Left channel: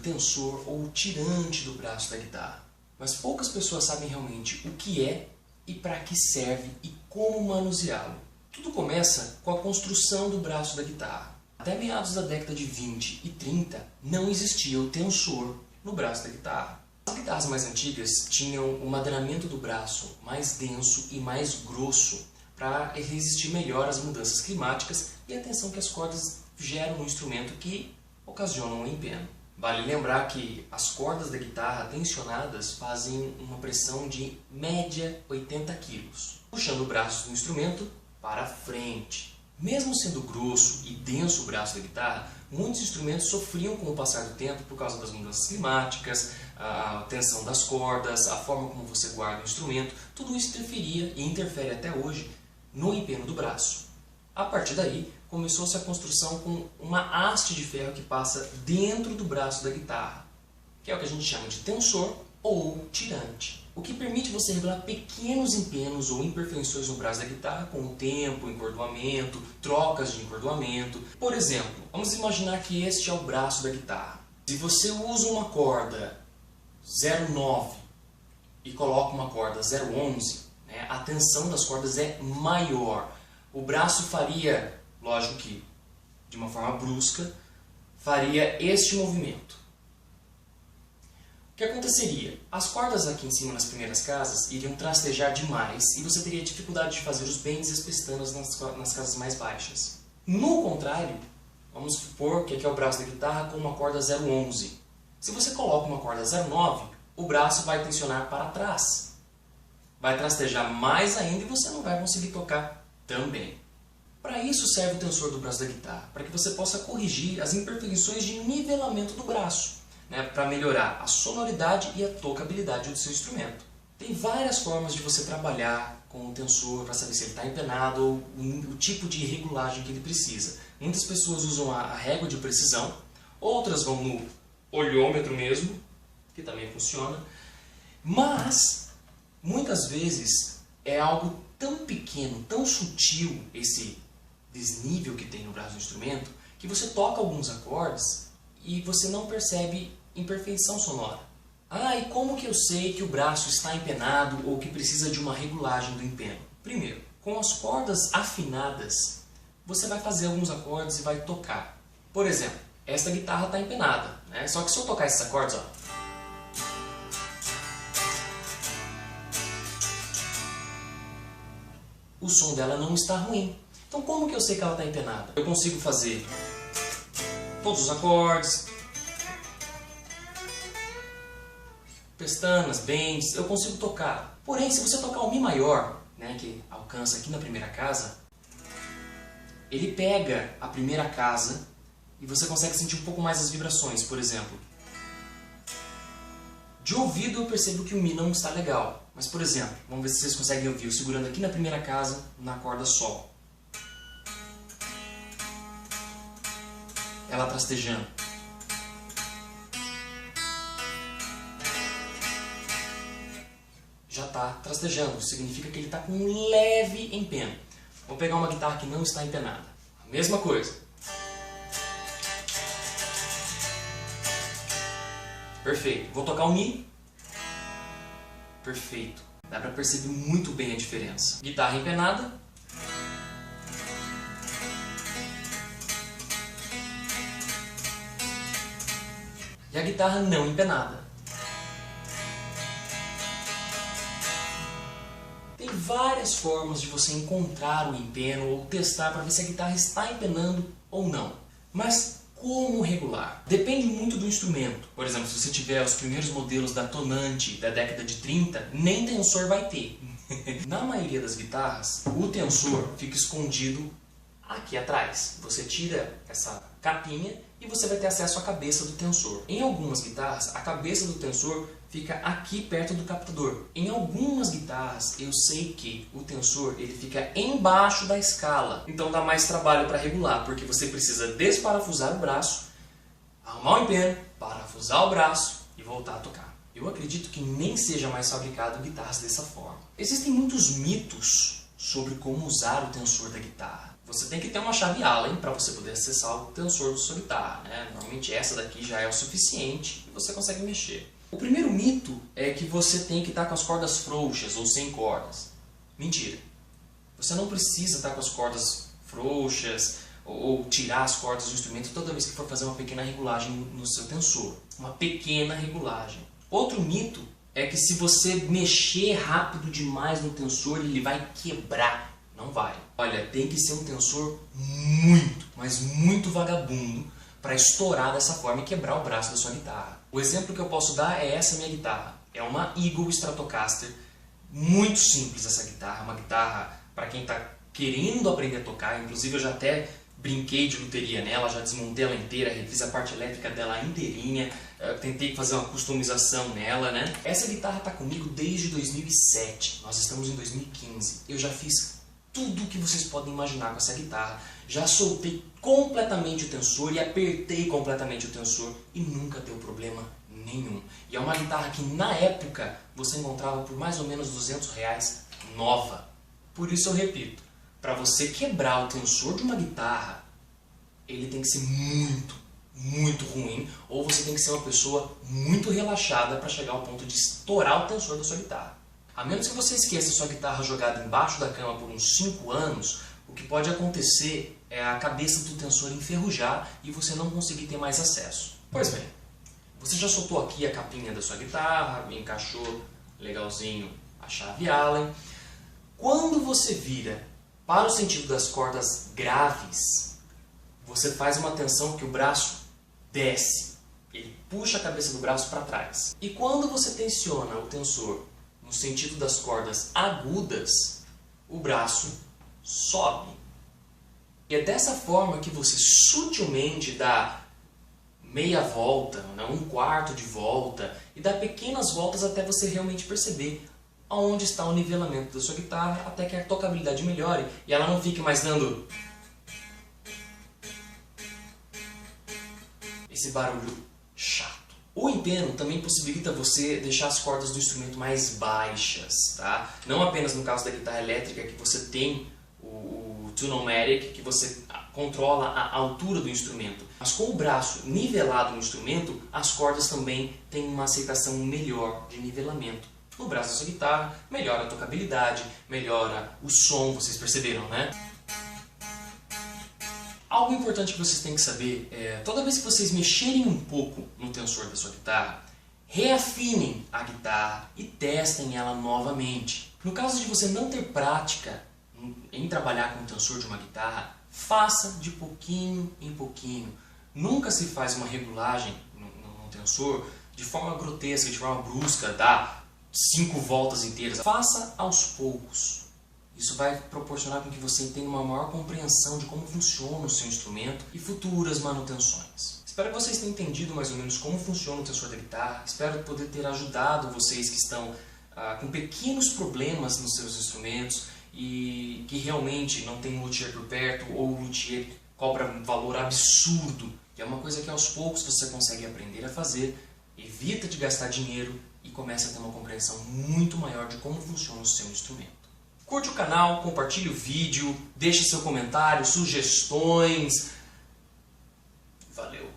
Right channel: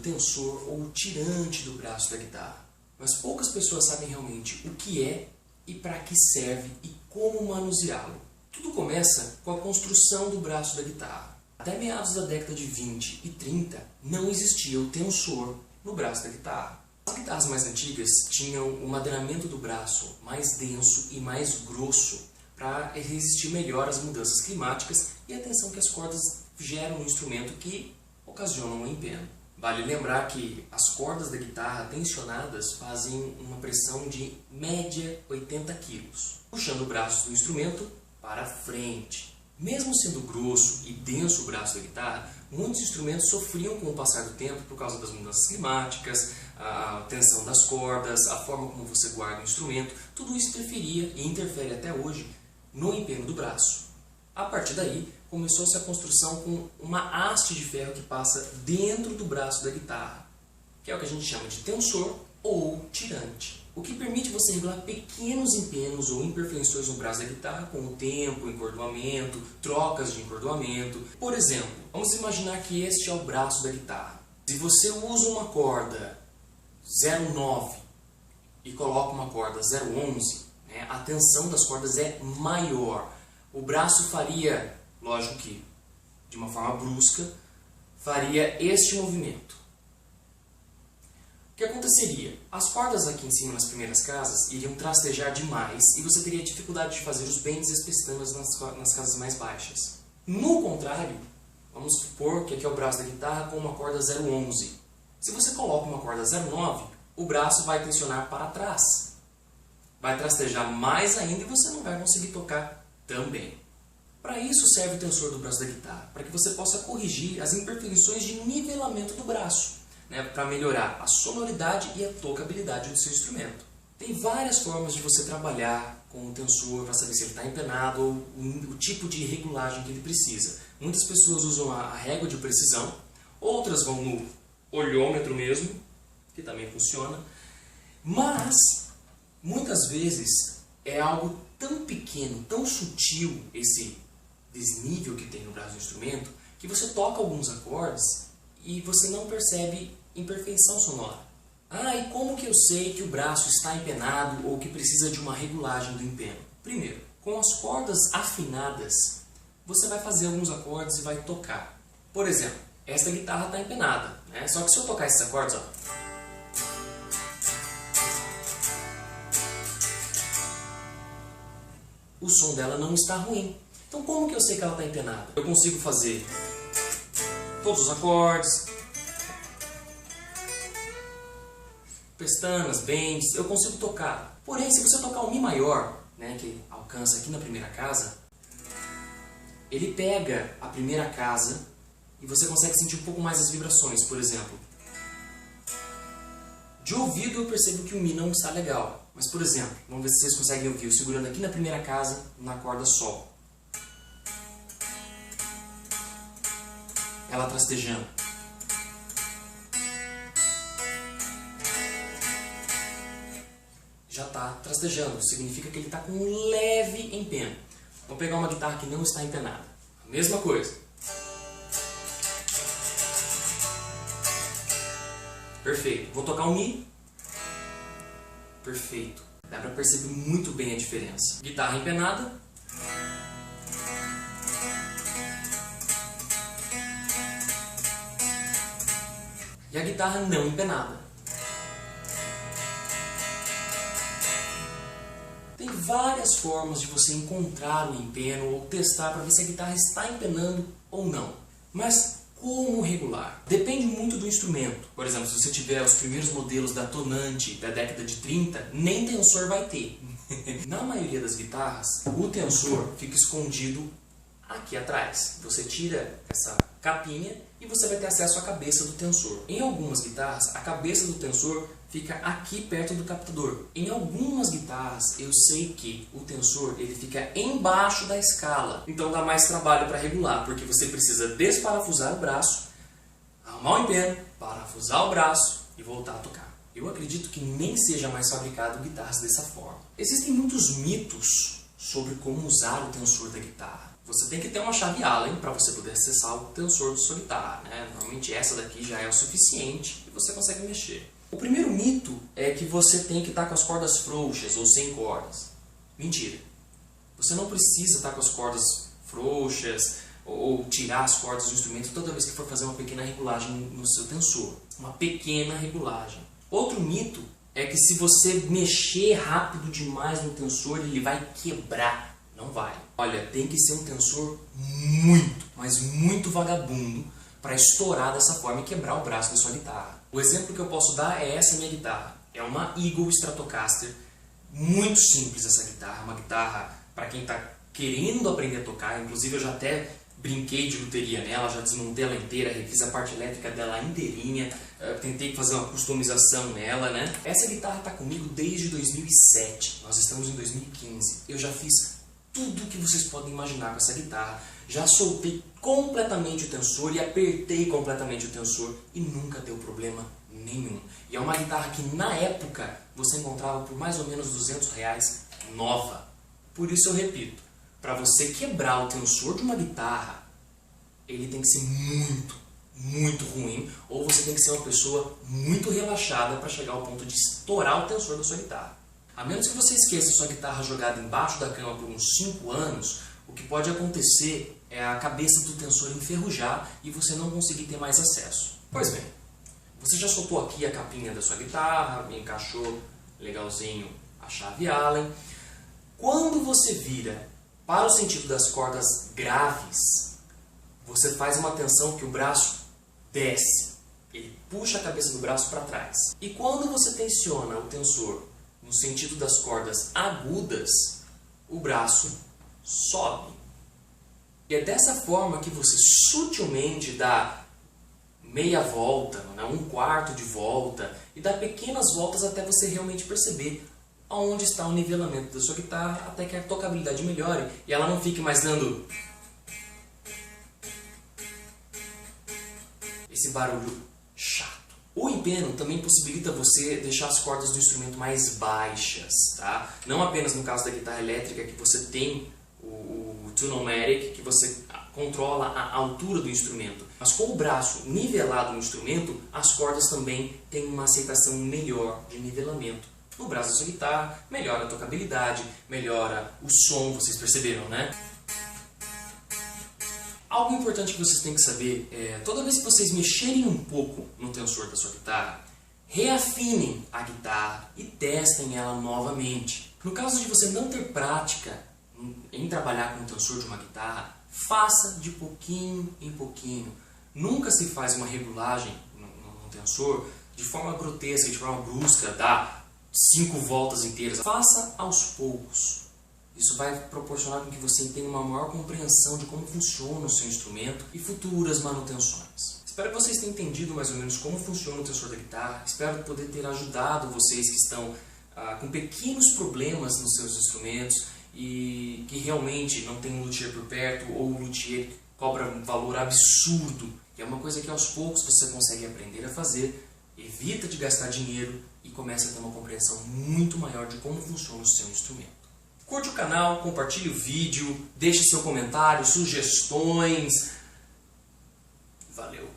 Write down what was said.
tensor ou tirante do braço da guitarra, mas poucas pessoas sabem realmente o que é e para que serve e como manuseá-lo. Tudo começa com a construção do braço da guitarra. Até meados da década de 20 e 30 não existia o tensor no braço da guitarra. As guitarras mais antigas tinham o madeiramento do braço mais denso e mais grosso para resistir melhor às mudanças climáticas e a tensão que as cordas geram no instrumento que ocasionam o empeno. Vale lembrar que as cordas da guitarra tensionadas fazem uma pressão de média 80 kg, puxando o braço do instrumento para frente. Mesmo sendo grosso e denso o braço da guitarra, muitos instrumentos sofriam com o passar do tempo por causa das mudanças climáticas, a tensão das cordas, a forma como você guarda o instrumento. Tudo isso interferia e interfere até hoje no empeno do braço. A partir daí, começou-se a construção com uma haste de ferro que passa dentro do braço da guitarra, que é o que a gente chama de tensor ou tirante, o que permite você regular pequenos empenos ou imperfeições no braço da guitarra com o tempo, encordoamento, trocas de encordoamento. Por exemplo, vamos imaginar que este é o braço da guitarra. Se você usa uma corda 0,9 e coloca uma corda 0,11, né, a tensão das cordas é maior. O braço faria, lógico que de uma forma brusca, faria este movimento. O que aconteceria? As cordas aqui em cima nas primeiras casas iriam trastejar demais e você teria dificuldade de fazer os bends e as pestanas nas casas mais baixas. No contrário, vamos supor que aqui é o braço da guitarra com uma corda 0,11. Se você coloca uma corda 0,9, o braço vai tensionar para trás. Vai trastejar mais ainda e você não vai conseguir tocar também. Para isso serve o tensor do braço da guitarra, para que você possa corrigir as imperfeições de nivelamento do braço, né, para melhorar a sonoridade e a tocabilidade do seu instrumento. Tem várias formas de você trabalhar com o tensor para saber se ele está empenado ou o tipo de regulagem que ele precisa. Muitas pessoas usam a régua de precisão, outras vão no olhômetro mesmo, que também funciona, mas muitas vezes é algo tão pequeno, tão sutil esse desnível que tem no braço do instrumento, que você toca alguns acordes e você não percebe imperfeição sonora. Ah, e como que eu sei que o braço está empenado ou que precisa de uma regulagem do empeno? Primeiro, com as cordas afinadas, você vai fazer alguns acordes e vai tocar. Por exemplo, esta guitarra está empenada, né? Só que se eu tocar esses acordes, ó, o som dela não está ruim. Então como que eu sei que ela está empenada? Eu consigo fazer todos os acordes, pestanas, bends, eu consigo tocar. Porém, se você tocar o Mi maior, né, que alcança aqui na primeira casa, ele pega a primeira casa e você consegue sentir um pouco mais as vibrações. Por exemplo, de ouvido eu percebo que o Mi não está legal. Mas, por exemplo, vamos ver se vocês conseguem ouvir eu segurando aqui na primeira casa, na corda Sol. Ela trastejando. Já está trastejando, significa que ele está com um leve empeno. Vou pegar uma guitarra que não está empenada. A mesma coisa. Perfeito. Vou tocar o Mi. Perfeito. Dá para perceber muito bem a diferença. Guitarra empenada. E a guitarra não empenada. Tem várias formas de você encontrar o empeno ou testar para ver se a guitarra está empenando ou não. Mas como regular? Depende muito do instrumento. Por exemplo, se você tiver os primeiros modelos da Tonante da década de 30, nem tensor vai ter. Na maioria das guitarras, o tensor fica escondido aqui atrás. Você tira essa capinha e você vai ter acesso à cabeça do tensor. Em algumas guitarras, a cabeça do tensor fica aqui perto do captador. Em algumas guitarras, eu sei que o tensor ele fica embaixo da escala. Então dá mais trabalho para regular, porque você precisa desparafusar o braço, arrumar o empeno, parafusar o braço e voltar a tocar. Eu acredito que nem seja mais fabricado guitarras dessa forma. Existem muitos mitos sobre como usar o tensor da guitarra. Você tem que ter uma chave Allen para você poder acessar o tensor da sua guitarra, né? Normalmente essa daqui já é o suficiente e você consegue mexer. O primeiro mito é que você tem que estar com as cordas frouxas ou sem cordas. Mentira. Você não precisa estar com as cordas frouxas ou tirar as cordas do instrumento toda vez que for fazer uma pequena regulagem no seu tensor. Uma pequena regulagem. Outro mito é que se você mexer rápido demais no tensor, ele vai quebrar. Não vai. Olha, tem que ser um tensor muito, mas muito vagabundo para estourar dessa forma e quebrar o braço da sua guitarra. O exemplo que eu posso dar é essa minha guitarra. É uma Eagle Stratocaster. Muito simples essa guitarra. Uma guitarra para quem está querendo aprender a tocar. Inclusive eu já até brinquei de luteria nela, já desmontei ela inteira, refiz a parte elétrica dela inteirinha, tentei fazer uma customização nela, né? Essa guitarra está comigo desde 2007, nós estamos em 2015. Eu já fiz tudo o que vocês podem imaginar com essa guitarra. Já soltei completamente o tensor e apertei completamente o tensor e nunca deu problema nenhum. E é uma guitarra que na época você encontrava por mais ou menos R$200 nova. Por isso eu repito, para você quebrar o tensor de uma guitarra, ele tem que ser muito, muito ruim, ou você tem que ser uma pessoa muito relaxada para chegar ao ponto de estourar o tensor da sua guitarra. A menos que você esqueça sua guitarra jogada embaixo da cama por uns 5 anos, o que pode acontecer é a cabeça do tensor enferrujar e você não conseguir ter mais acesso. Pois bem, você já soltou aqui a capinha da sua guitarra, encaixou legalzinho a chave Allen. Quando você vira para o sentido das cordas graves, você faz uma tensão que o braço desce. Ele puxa a cabeça do braço para trás. E quando você tensiona o tensor no sentido das cordas agudas, o braço sobe. E é dessa forma que você sutilmente dá meia volta, né, 1/4 de volta, e dá pequenas voltas até você realmente perceber aonde está o nivelamento da sua guitarra, até que a tocabilidade melhore e ela não fique mais dando esse barulho chato. O empeno também possibilita você deixar as cordas do instrumento mais baixas, tá? Não apenas no caso da guitarra elétrica, que você tem o Tune-O-Matic, que você controla a altura do instrumento. Mas com o braço nivelado no instrumento, as cordas também têm uma aceitação melhor de nivelamento. No braço da sua guitarra, melhora a tocabilidade, melhora o som, vocês perceberam, né? Algo importante que vocês têm que saber é, toda vez que vocês mexerem um pouco no tensor da sua guitarra, reafinem a guitarra e testem ela novamente. No caso de você não ter prática em trabalhar com o tensor de uma guitarra, faça de pouquinho em pouquinho. Nunca se faz uma regulagem no tensor de forma grotesca, de forma brusca, dá 5 voltas inteiras. Faça aos poucos. Isso vai proporcionar com que você tenha uma maior compreensão de como funciona o seu instrumento e futuras manutenções. Espero que vocês tenham entendido mais ou menos como funciona o tensor da guitarra. Espero poder ter ajudado vocês que estão com pequenos problemas nos seus instrumentos e que realmente não tem um luthier por perto ou o luthier cobra um valor absurdo. Que é uma coisa que aos poucos você consegue aprender a fazer, evita de gastar dinheiro e começa a ter uma compreensão muito maior de como funciona o seu instrumento. Curte o canal, compartilhe o vídeo, deixe seu comentário, sugestões. Valeu!